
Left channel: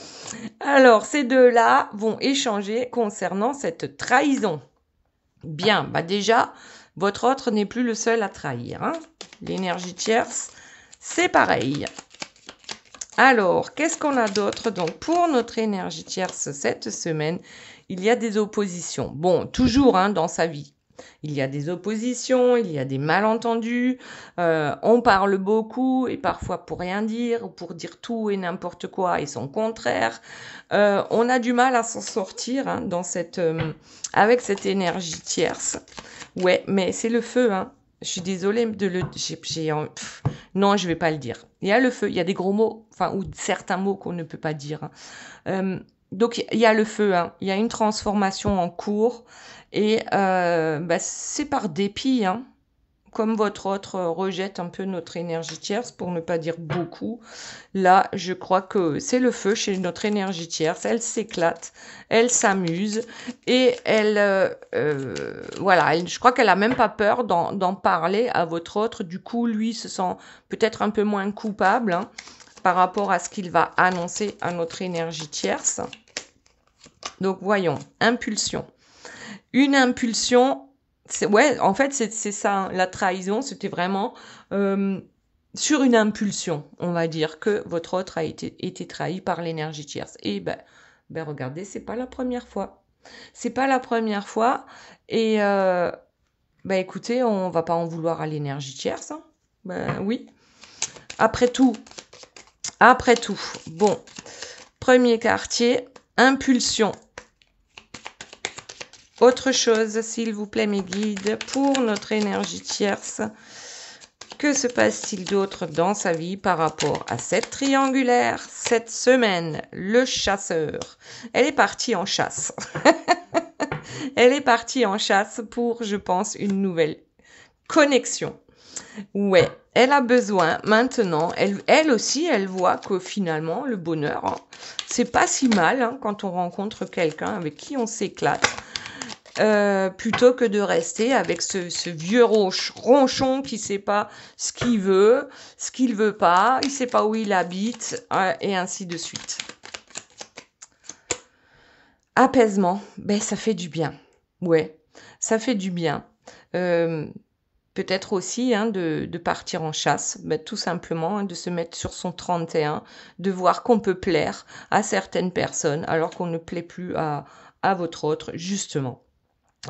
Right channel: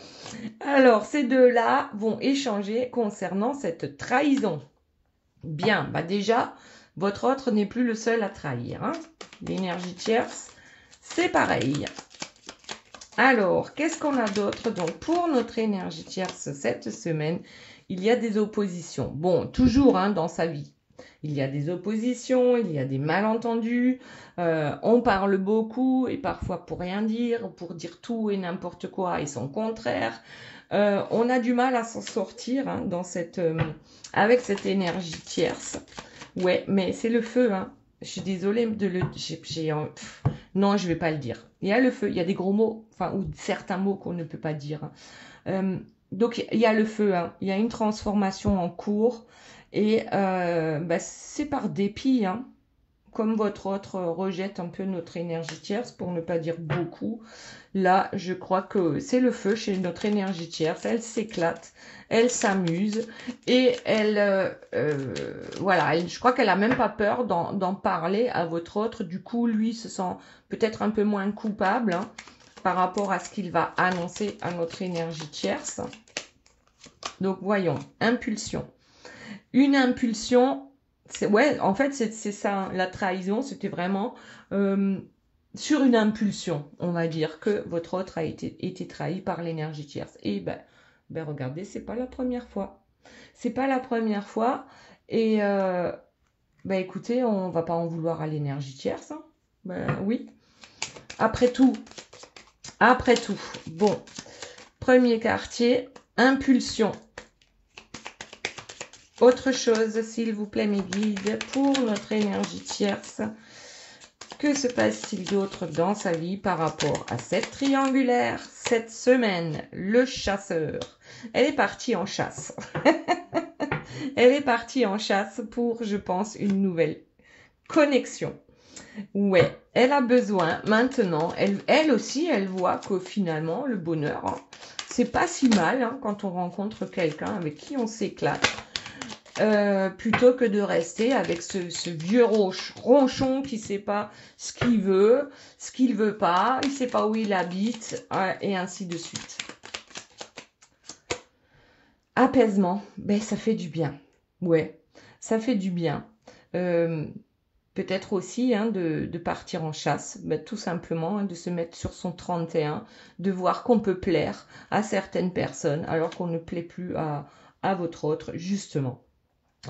Alors, ces deux-là vont échanger concernant cette trahison. Bien, bah déjà, votre autre n'est plus le seul à trahir. Hein. L'énergie tierce, c'est pareil. Alors, qu'est-ce qu'on a d'autre? Donc, pour notre énergie tierce cette semaine, il y a des oppositions. Bon, toujours hein, dans sa vie. Il y a des oppositions, il y a des malentendus, on parle beaucoup et parfois pour rien dire, pour dire tout et n'importe quoi et son contraire. On a du mal à s'en sortir hein, dans avec cette énergie tierce. Ouais, mais c'est le feu. Hein. Je suis désolée de le... non, je vais pas le dire. Il y a le feu, il y a des gros mots, enfin, ou certains mots qu'on ne peut pas dire. Hein. Donc, il y a le feu, hein. Il y a une transformation en cours. Et c'est par dépit, hein. Comme votre autre rejette un peu notre énergie tierce, pour ne pas dire beaucoup. Là, je crois que c'est le feu chez notre énergie tierce. Elle s'éclate, elle s'amuse et elle, voilà, je crois qu'elle n'a même pas peur d'en parler à votre autre. Du coup, lui se sent peut-être un peu moins coupable hein, par rapport à ce qu'il va annoncer à notre énergie tierce. Donc, voyons, impulsion. Une impulsion, ouais, en fait, c'est ça, hein, la trahison, c'était vraiment sur une impulsion, on va dire, que votre autre a été trahi par l'énergie tierce. Et regardez, c'est pas la première fois. C'est pas la première fois. Et écoutez, on va pas en vouloir à l'énergie tierce. Hein. Oui. Après tout, bon, premier quartier, impulsion. Autre chose, s'il vous plaît, mes guides, pour notre énergie tierce. Que se passe-t-il d'autre dans sa vie par rapport à cette triangulaire cette semaine? Le chasseur. Elle est partie en chasse. Elle est partie en chasse pour, je pense, une nouvelle connexion. Ouais, elle a besoin maintenant, elle aussi, elle voit que finalement, le bonheur, hein, c'est pas si mal hein, quand on rencontre quelqu'un avec qui on s'éclate. Plutôt que de rester avec ce vieux ronchon qui sait pas ce qu'il veut pas, il sait pas où il habite, et ainsi de suite. Apaisement, ben ça fait du bien. Ouais, ça fait du bien. Peut-être aussi hein, de partir en chasse, ben, tout simplement, hein, de se mettre sur son 31, de voir qu'on peut plaire à certaines personnes alors qu'on ne plaît plus à votre autre, justement.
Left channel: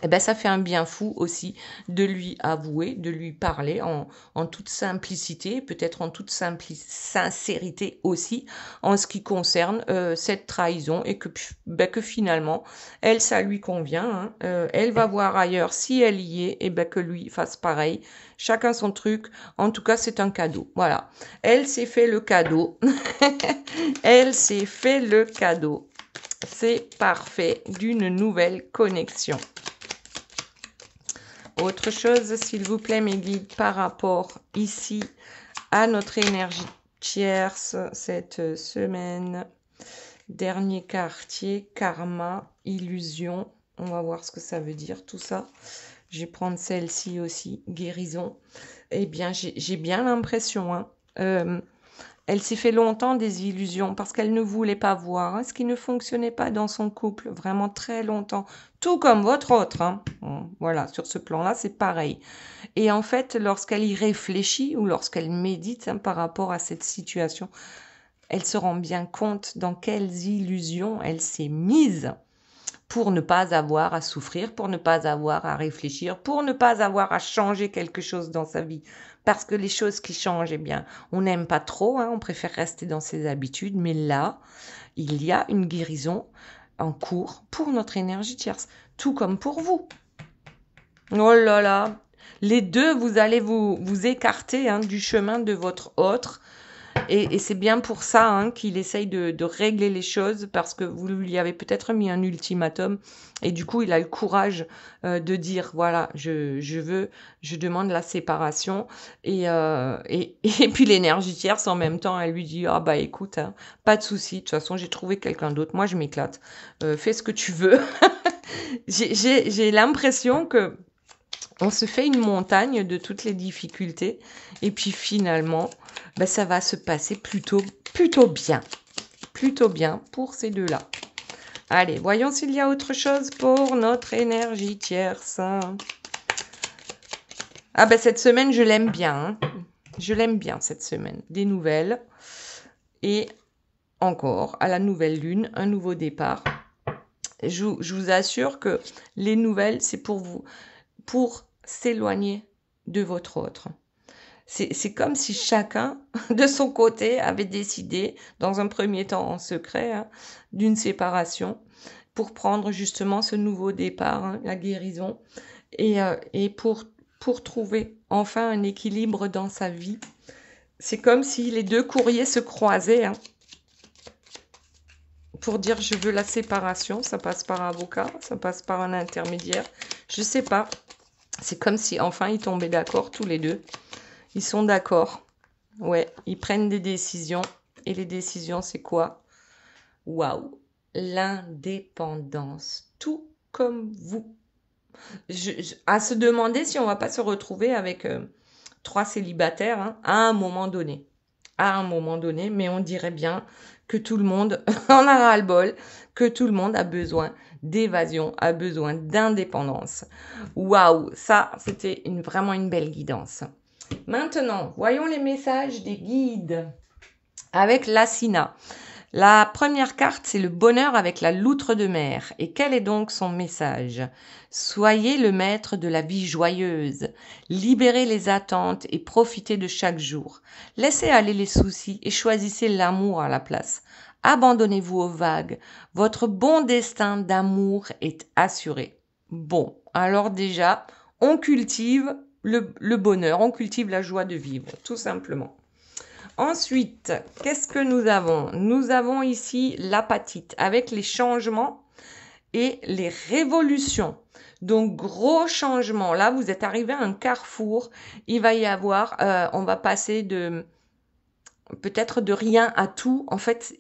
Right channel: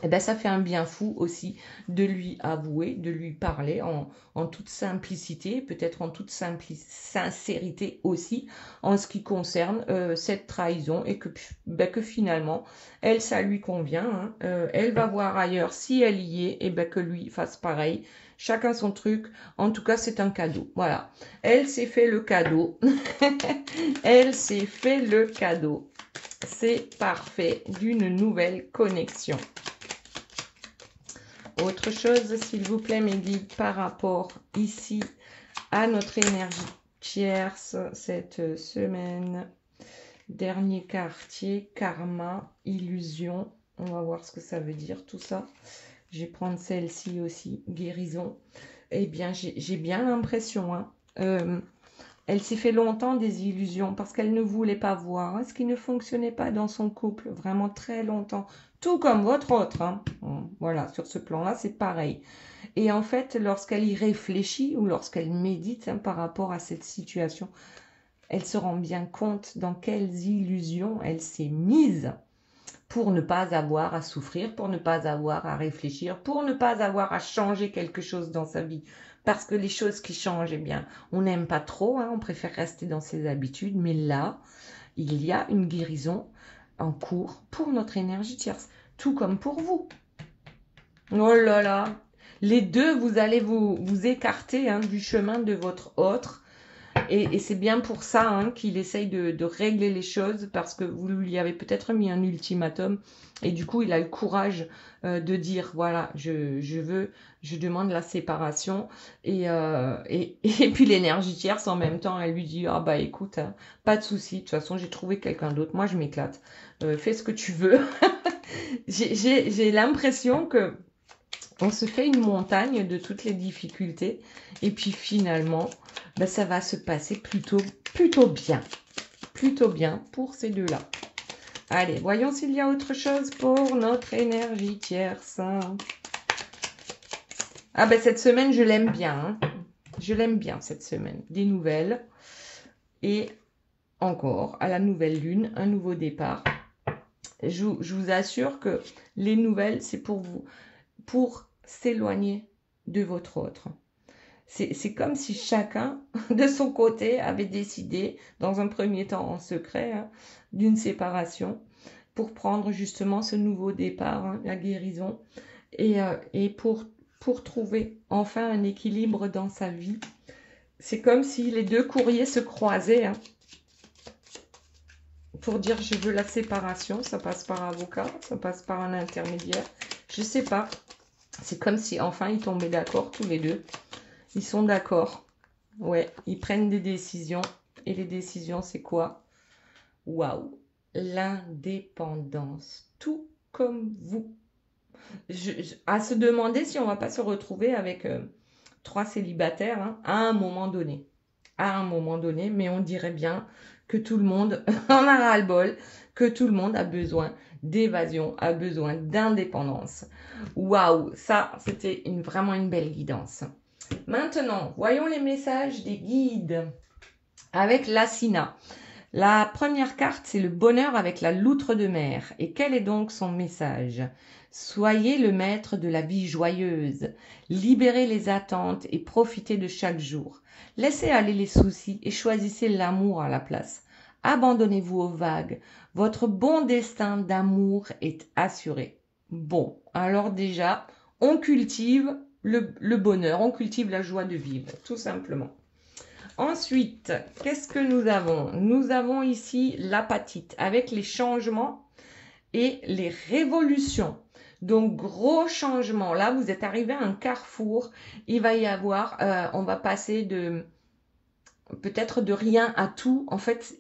Eh ben, ça fait un bien fou aussi de lui avouer, de lui parler en toute simplicité, peut-être en toute sincérité aussi, en ce qui concerne cette trahison et que finalement, elle, ça lui convient. Hein. Elle va voir ailleurs si elle y est, et ben que lui fasse pareil. Chacun son truc. En tout cas, c'est un cadeau. Voilà. Elle s'est fait le cadeau. Elle s'est fait le cadeau. C'est parfait d'une nouvelle connexion. Autre chose, s'il vous plaît, mes guides, par rapport ici à notre énergie tierce cette semaine. Dernier quartier, karma, illusion. On va voir ce que ça veut dire tout ça. Je vais prendre celle-ci aussi, guérison. Eh bien, j'ai bien l'impression, hein, elle s'est fait longtemps des illusions parce qu'elle ne voulait pas voir hein, ce qui ne fonctionnait pas dans son couple, vraiment très longtemps. Tout comme votre autre. Hein. Voilà, sur ce plan-là, c'est pareil. Et en fait, lorsqu'elle y réfléchit ou lorsqu'elle médite hein, par rapport à cette situation, elle se rend bien compte dans quelles illusions elle s'est mise pour ne pas avoir à souffrir, pour ne pas avoir à réfléchir, pour ne pas avoir à changer quelque chose dans sa vie. Parce que les choses qui changent, eh bien, on n'aime pas trop, hein, on préfère rester dans ses habitudes. Mais là, il y a une guérison en cours pour notre énergie tierce, tout comme pour vous. Oh là là, les deux, vous allez vous écarter hein, du chemin de votre autre. Et c'est bien pour ça hein, qu'il essaye de régler les choses parce que vous lui avez peut-être mis un ultimatum et du coup il a le courage de dire voilà je demande la séparation et puis l'énergie tierce en même temps elle lui dit ah bah écoute hein, pas de souci de toute façon j'ai trouvé quelqu'un d'autre moi je m'éclate fais ce que tu veux j'ai l'impression que on se fait une montagne de toutes les difficultés et puis finalement, ben, ça va se passer plutôt bien. Plutôt bien pour ces deux-là. Allez, voyons s'il y a autre chose pour notre énergie tierce. Ah ben cette semaine, je l'aime bien. Hein. Je l'aime bien cette semaine. Des nouvelles. Et encore, à la nouvelle lune, un nouveau départ. Je vous assure que les nouvelles, c'est pour vous. Pour s'éloigner de votre autre. C'est comme si chacun, de son côté, avait décidé, dans un premier temps en secret, hein, d'une séparation pour prendre justement ce nouveau départ, hein, la guérison, et pour trouver enfin un équilibre dans sa vie. C'est comme si les deux courriers se croisaient hein, pour dire je veux la séparation. Ça passe par avocat, ça passe par un intermédiaire, je sais pas. C'est comme si enfin ils tombaient d'accord tous les deux. Ils sont d'accord. Ouais, ils prennent des décisions. Et les décisions, c'est quoi? Waouh! L'indépendance. Tout comme vous. À se demander si on va pas se retrouver avec 3 célibataires hein, à un moment donné. À un moment donné, mais on dirait bien que tout le monde en a ras-le-bol, que tout le monde a besoin d'évasion, a besoin d'indépendance. Waouh, ça, c'était vraiment une belle guidance. Maintenant, voyons les messages des guides avec l'Asina. La première carte, c'est le bonheur avec la loutre de mer. Et quel est donc son message? Soyez le maître de la vie joyeuse. Libérez les attentes et profitez de chaque jour. Laissez aller les soucis et choisissez l'amour à la place. Abandonnez-vous aux vagues. Votre bon destin d'amour est assuré. Bon, alors déjà, on cultive le bonheur, on cultive la joie de vivre, tout simplement. Ensuite, qu'est-ce que nous avons? Nous avons ici l'apatite avec les changements et les révolutions. Donc, gros changement. Là, vous êtes arrivé à un carrefour. Il va y avoir, on va passer de peut-être de rien à tout. En fait,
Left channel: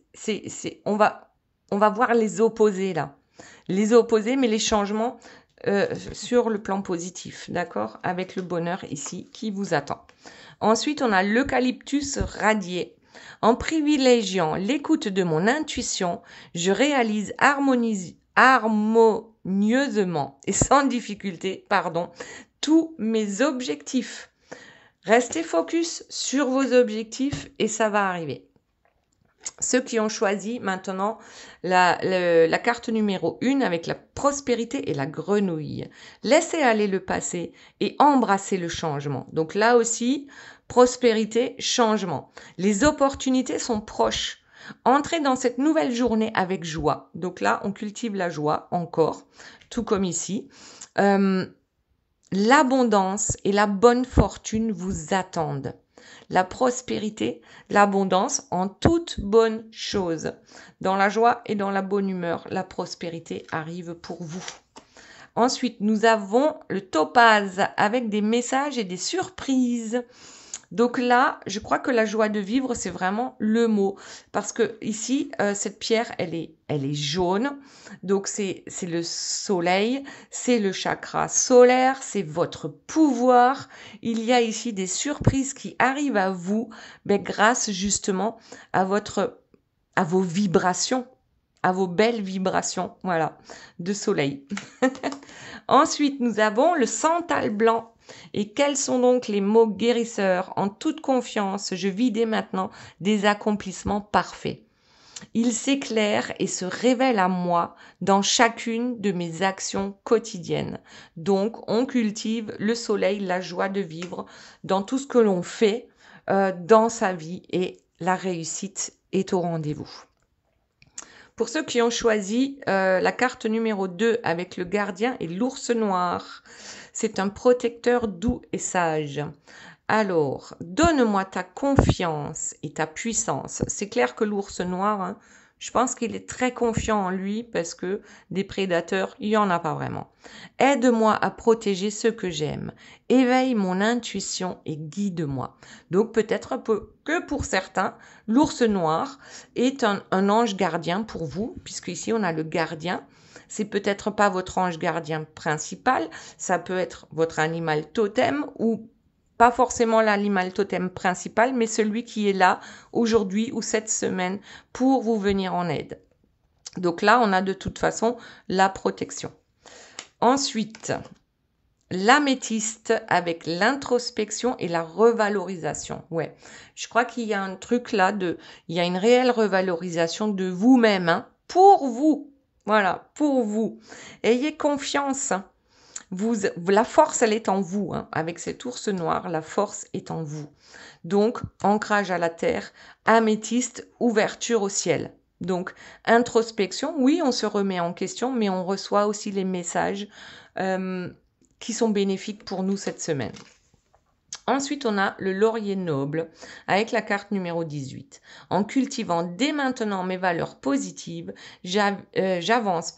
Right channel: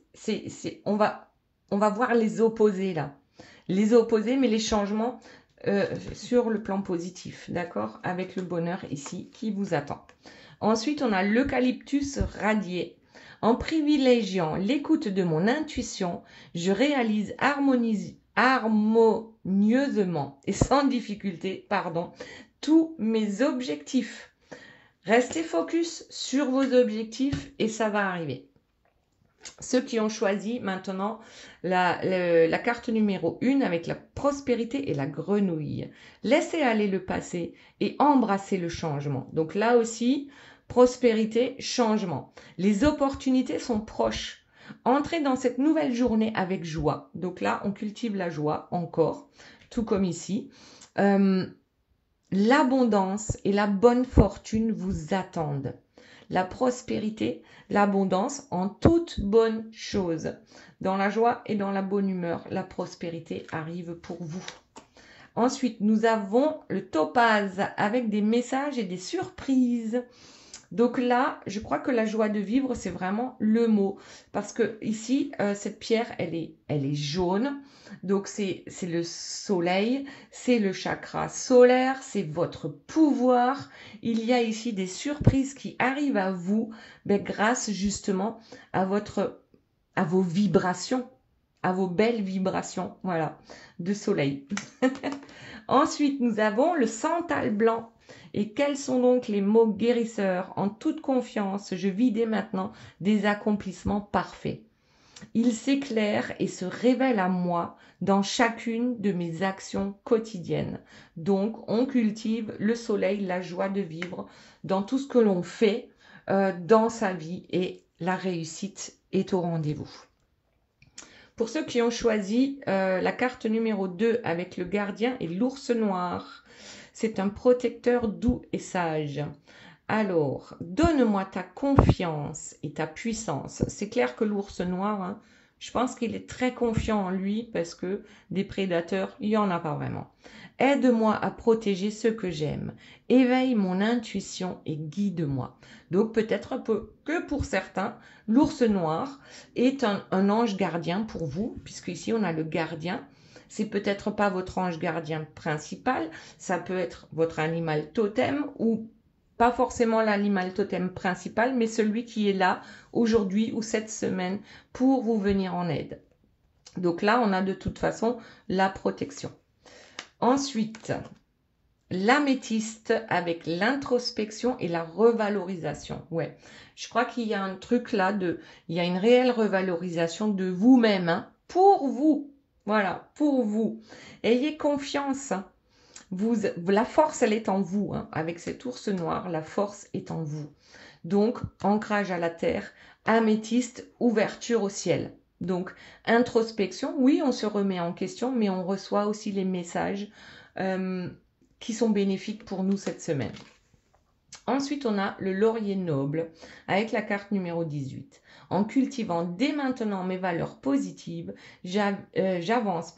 on va voir les opposés là. Les opposés, mais les changements sur le plan positif, d'accord? Avec le bonheur ici qui vous attend. Ensuite, on a l'eucalyptus radié. En privilégiant l'écoute de mon intuition, je réalise harmonieusement et sans difficulté, tous mes objectifs. Restez focus sur vos objectifs et ça va arriver. Ceux qui ont choisi maintenant la carte numéro 1 avec la prospérité et la grenouille. Laissez aller le passé et embrassez le changement. Donc là aussi, prospérité, changement. Les opportunités sont proches. Entrez dans cette nouvelle journée avec joie. Donc là, on cultive la joie encore, tout comme ici. L'abondance et la bonne fortune vous attendent. La prospérité, l'abondance en toute bonne chose. Dans la joie et dans la bonne humeur, la prospérité arrive pour vous. Ensuite, nous avons le topaz avec des messages et des surprises. Donc là, je crois que la joie de vivre, c'est vraiment le mot. Parce que ici, cette pierre, elle est jaune. Donc c'est le soleil, c'est le chakra solaire, c'est votre pouvoir. Il y a ici des surprises qui arrivent à vous grâce justement à vos vibrations, à vos belles vibrations, voilà, de soleil. Ensuite, nous avons le santal blanc. Et quels sont donc les mots guérisseurs? En toute confiance, je vis dès maintenant des accomplissements parfaits. Il s'éclaire et se révèle à moi dans chacune de mes actions quotidiennes. Donc, on cultive le soleil, la joie de vivre dans tout ce que l'on fait dans sa vie et la réussite est au rendez-vous. Pour ceux qui ont choisi la carte numéro 2 avec le gardien et l'ours noir, c'est un protecteur doux et sage. Alors, donne-moi ta confiance et ta puissance. C'est clair que l'ours noir, je pense qu'il est très confiant en lui parce que des prédateurs, il n'y en a pas vraiment. Aide-moi à protéger ceux que j'aime. Éveille mon intuition et guide-moi. Donc peut-être que pour certains, l'ours noir est un ange gardien pour vous, puisque ici on a le gardien. C'est peut-être pas votre ange gardien principal, ça peut être votre animal totem ou pas forcément l'animal totem principal, mais celui qui est là aujourd'hui ou cette semaine pour vous venir en aide. Donc là, on a de toute façon la protection. Ensuite, l'améthyste avec l'introspection et la revalorisation. Ouais, je crois qu'il y a un truc là, il y a une réelle revalorisation de vous-même, pour vous. Voilà, pour vous. Ayez confiance. La force, elle est en vous. Avec cet ours noir, la force est en vous. Donc, ancrage à la terre, améthyste, ouverture au ciel. Donc, introspection, oui, on se remet en question, mais on reçoit aussi les messages qui sont bénéfiques pour nous cette semaine. Ensuite, on a le laurier noble avec la carte numéro 18. En cultivant dès maintenant mes valeurs positives, j'avance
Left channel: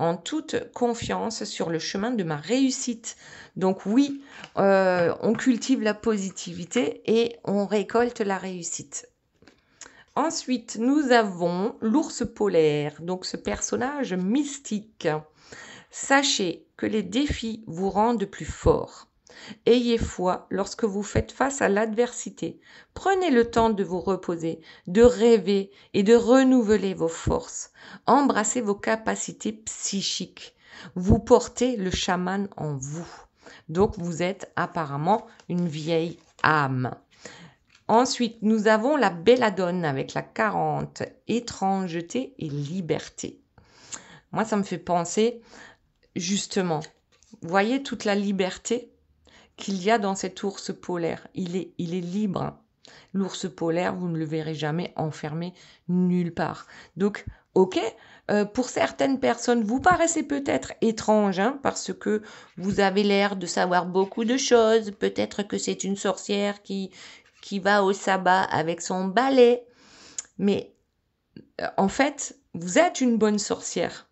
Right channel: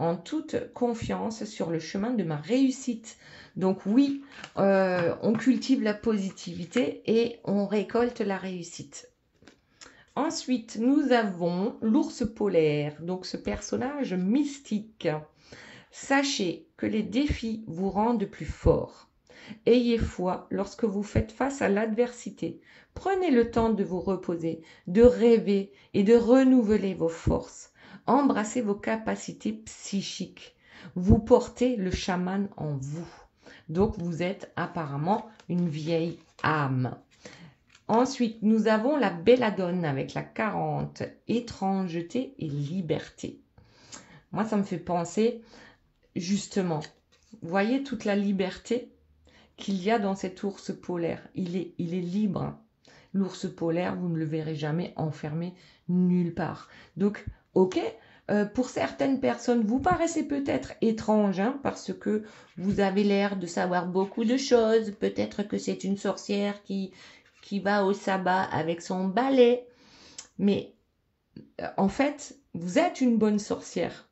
en toute confiance sur le chemin de ma réussite. Donc oui, on cultive la positivité et on récolte la réussite. Ensuite, nous avons l'ours polaire, donc ce personnage mystique. Sachez que les défis vous rendent plus forts. Ayez foi lorsque vous faites face à l'adversité. Prenez le temps de vous reposer, de rêver et de renouveler vos forces. Embrassez vos capacités psychiques. Vous portez le chaman en vous. Donc, vous êtes apparemment une vieille âme. Ensuite, nous avons la belladone avec la 40, étrangeté et liberté. Moi, ça me fait penser, justement, vous voyez toute la liberté qu'il y a dans cet ours polaire. Il est libre. L'ours polaire, vous ne le verrez jamais enfermé nulle part. Donc, Ok, pour certaines personnes, vous paraissez peut-être étrange, hein, parce que vous avez l'air de savoir beaucoup de choses. Peut-être que c'est une sorcière qui va au sabbat avec son balai. Mais en fait, vous êtes une bonne sorcière.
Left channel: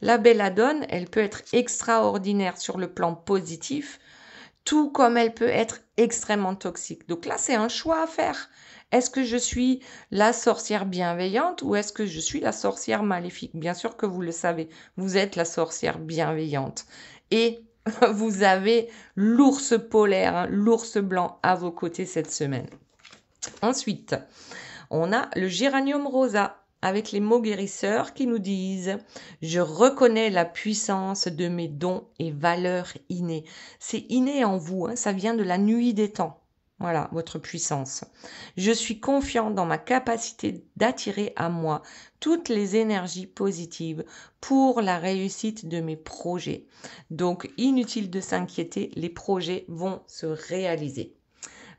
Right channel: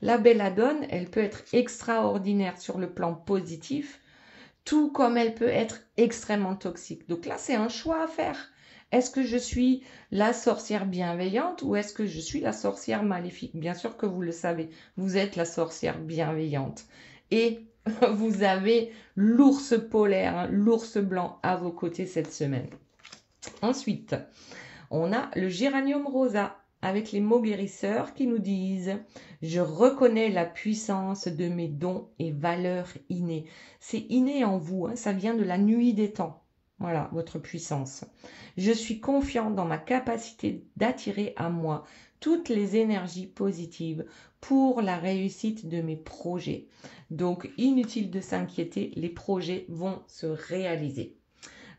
La belladone, elle peut être extraordinaire sur le plan positif, tout comme elle peut être extrêmement toxique. Donc là, c'est un choix à faire. Est-ce que je suis la sorcière bienveillante ou est-ce que je suis la sorcière maléfique? Bien sûr que vous le savez, vous êtes la sorcière bienveillante. Et vous avez l'ours polaire, hein, l'ours blanc à vos côtés cette semaine. Ensuite, on a le géranium rosa avec les mots guérisseurs qui nous disent « Je reconnais la puissance de mes dons et valeurs innées ». C'est inné en vous, hein, ça vient de la nuit des temps. Voilà, votre puissance. Je suis confiant dans ma capacité d'attirer à moi toutes les énergies positives pour la réussite de mes projets. Donc, inutile de s'inquiéter, les projets vont se réaliser.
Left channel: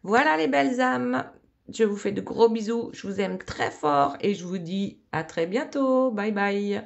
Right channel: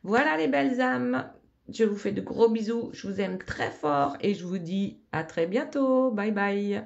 Voilà les belles âmes. Je vous fais de gros bisous. Je vous aime très fort et je vous dis à très bientôt. Bye bye.